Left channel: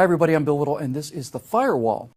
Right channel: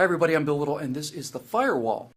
Hi everybody, I'm Bill Little and this is The Firewall.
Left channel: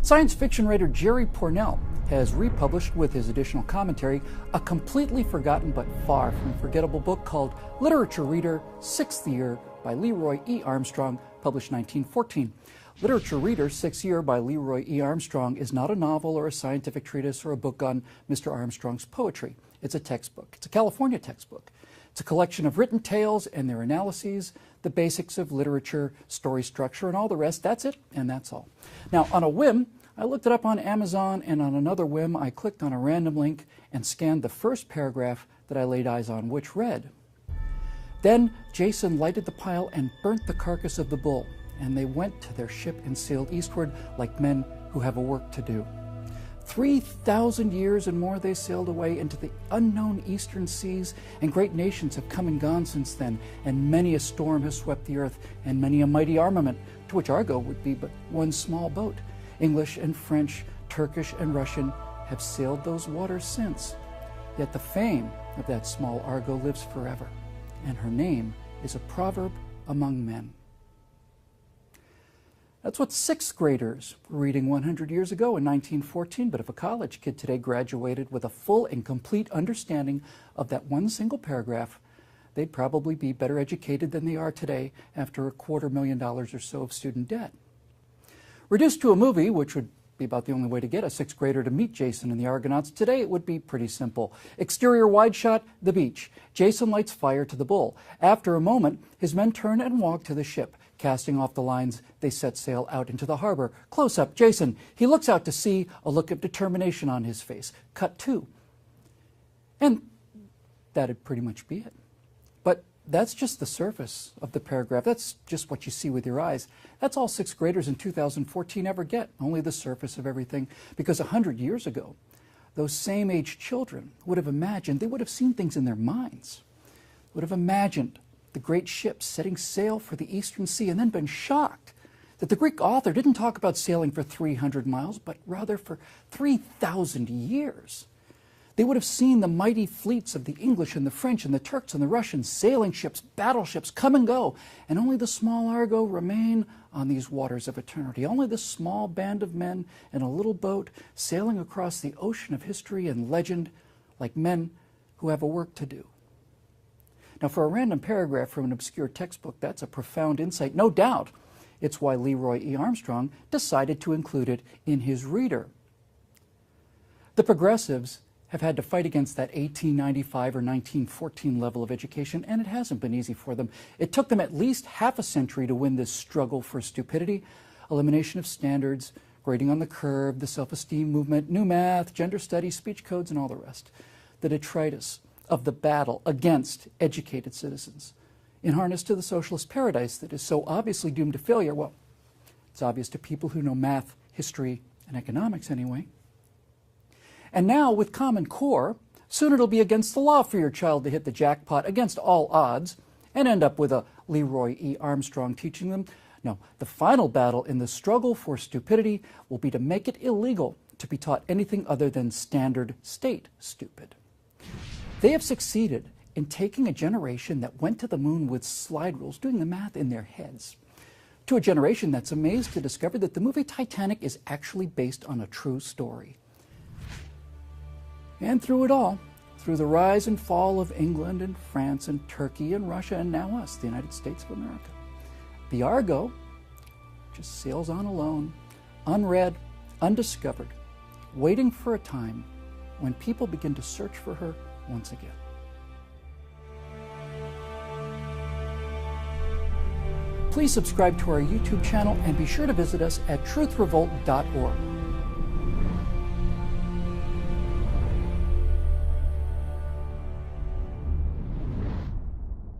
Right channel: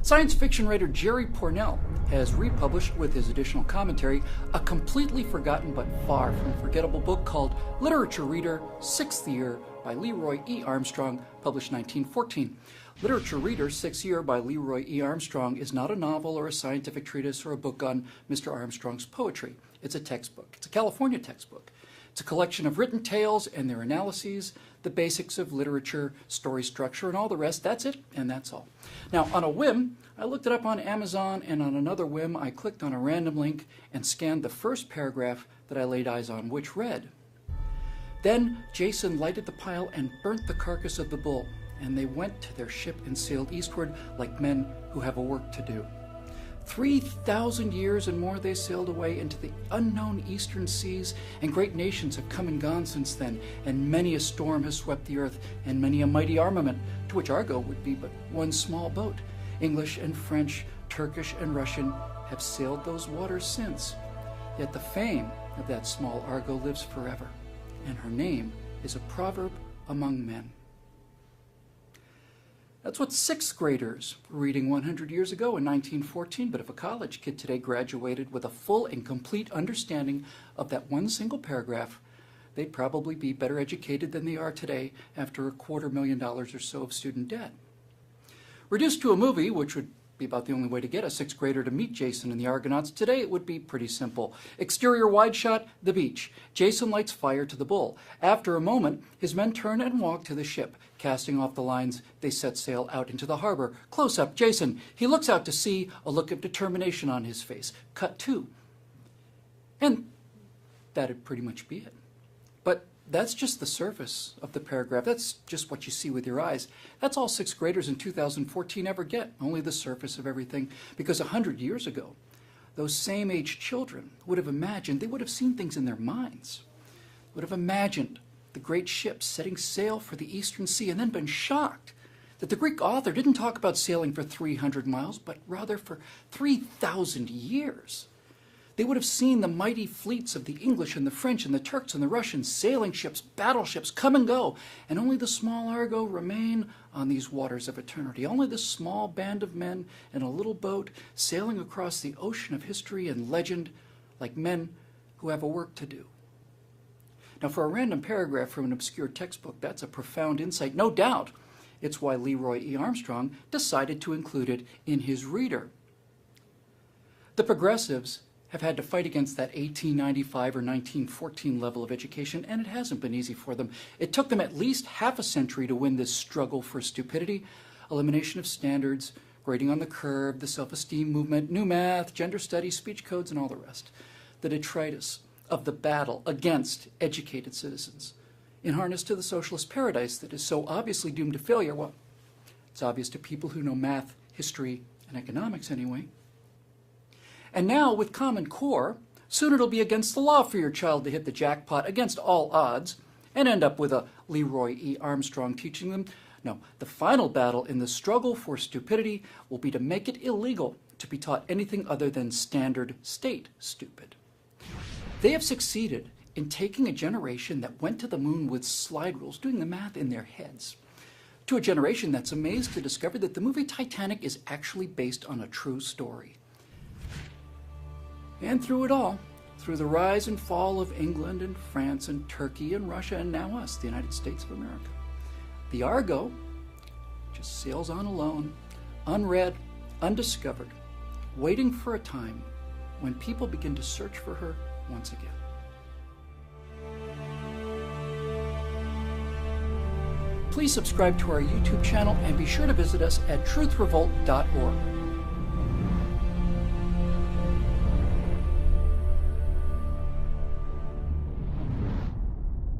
Science fiction writer Jerry Pournelle has republished with his additional commentary a completely forgotten but far from forgettable book called Literature Reader, 6th Year by Leroy E. Armstrong, published 1914. Literature Reader, 6th Year by Leroy E. Armstrong is not a novel or a scientific treatise or a book on Mr. Armstrong's poetry. It's a textbook. It's a California textbook. It's a collection of written tales and their analyses, the basics of literature, story structure, and all the rest. That's it, and that's all. Now, on a whim, I looked it up on Amazon, and on another whim, I clicked on a random link and scanned the first paragraph that I laid eyes on, which read, "Then Jason lighted the pile and burnt the carcass of the bull, and they went to their ship and sailed eastward like men who have a work to do. 3,000 years and more they sailed away into the unknown eastern seas, and great nations have come and gone since then, and many a storm has swept the earth, and many a mighty armament, to which Argo would be but one small boat. English and French, Turkish and Russian have sailed those waters since. Yet the fame of that small Argo lives forever, and her name is a proverb among men." That's what 6th graders were reading 100 years ago in 1914, but if a college kid today graduated with a full and complete understanding of that one single paragraph, they'd probably be better educated than they are today after $250,000 or so of student debt. Reduced to a movie, which would be about the only way to get a 6th grader to meet Jason and the Argonauts today, it would be pretty simple. Exterior wide shot, the beach. Jason lights fire to the bull. After a moment, his men turn and walk to the ship. Casting off the lines, they set sail out into the harbor. Close up, Jason. He looks out to sea, a look of determination on his face. Cut 2. And that'd pretty much be it. But that's just the surface of the paragraph. That's just what you see with your eyes. That's all 6th graders in 2014 ever get, only the surface of everything. Because 100 years ago, those same age children would have imagined, they would have seen things in their minds, would have imagined the great ships setting sail for the eastern sea, and then been shocked that the Greek author didn't talk about sailing for 300 miles, but rather for 3,000 years. They would have seen the mighty fleets of the English and the French and the Turks and the Russians, sailing ships, battleships, come and go, and only the small Argo remain on these waters of eternity. Only this small band of men in a little boat sailing across the ocean of history and legend like men who have a work to do. Now, for a random paragraph from an obscure textbook, that's a profound insight, no doubt. It's why Leroy E. Armstrong decided to include it in his reader. The progressives have had to fight against that 1895 or 1914 level of education, and it hasn't been easy for them. It took them at least half a century to win this struggle for stupidity, elimination of standards, grading on the curve, the self-esteem movement, new math, gender studies, speech codes, and all the rest. The detritus of the battle against educated citizens, in harness to the socialist paradise that is so obviously doomed to failure. Well, it's obvious to people who know math, history, and economics anyway. And now, with Common Core, soon it'll be against the law for your child to hit the jackpot against all odds and end up with a Leroy E. Armstrong teaching them. No, the final battle in the struggle for stupidity will be to make it illegal to be taught anything other than standard state stupid. They have succeeded in taking a generation that went to the moon with slide rules, doing the math in their heads, to a generation that's amazed to discover that the movie Titanic is actually based on a true story. And through it all, through the rise and fall of England and France and Turkey and Russia and now us, the United States of America, the Argo just sails on alone, unread, undiscovered, waiting for a time when people begin to search for her once again. Please subscribe to our YouTube channel and be sure to visit us at truthrevolt.org.